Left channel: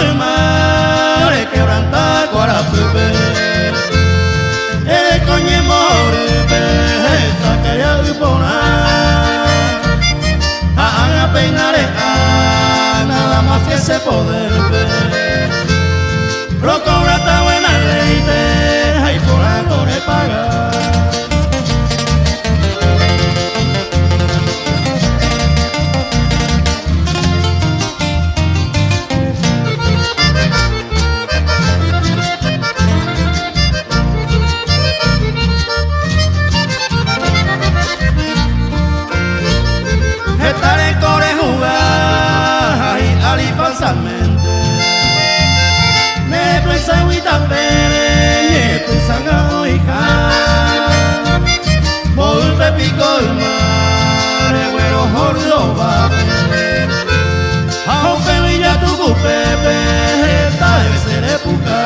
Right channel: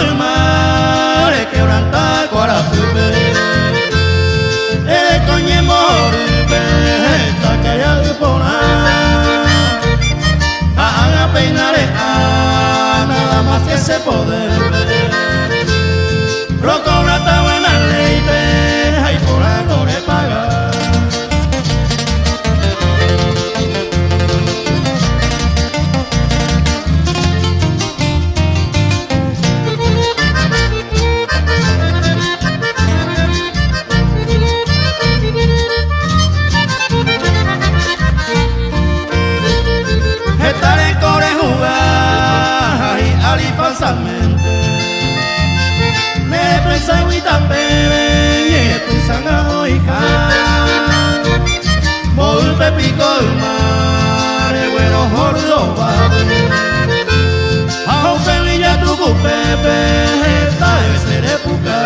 el mar, quebranta Guarapupe. El coñe morupe, esta que ya upona. Haga peinare a nada más que ese poder ver. Procura esta buena ley, hay por algo de pagar. Estaré con el jugar y ali falsamente. Ne pensa wita pere, ne pensa nga oika. Bol pepico el mar, güero jordo vape. Hau pevilla tu pepe, esta debe ser época.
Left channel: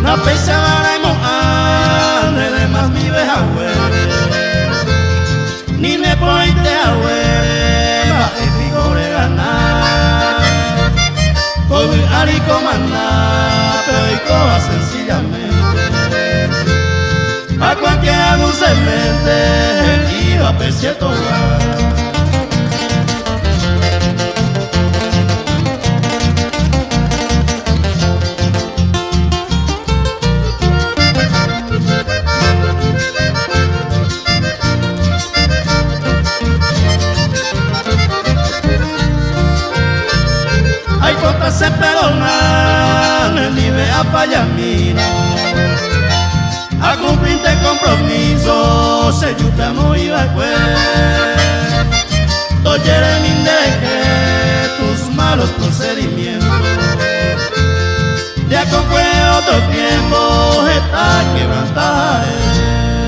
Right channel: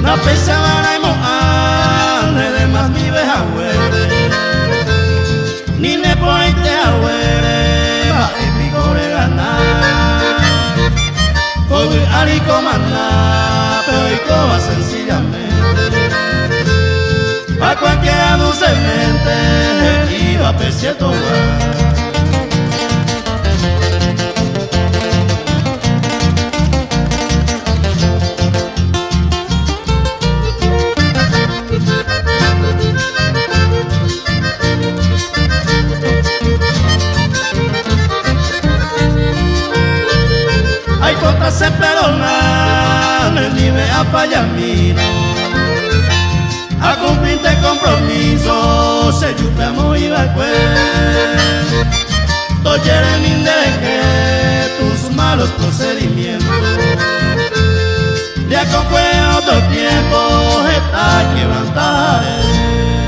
Na pensaba na ane de más mi veja huere. Ni ne pointe a huere, ma épico de ganar. Hoy ari comanda, pero y coba sencillamente. A cualquiera dulcemente iba a pesiar togar. Hay contas se perdonan, ni ve a fallamino. A cumplirte compromiso, se yupe amo y va pues. Toyere min de tus malos procedimientos. De a con otro tiempo, está quebrantaré.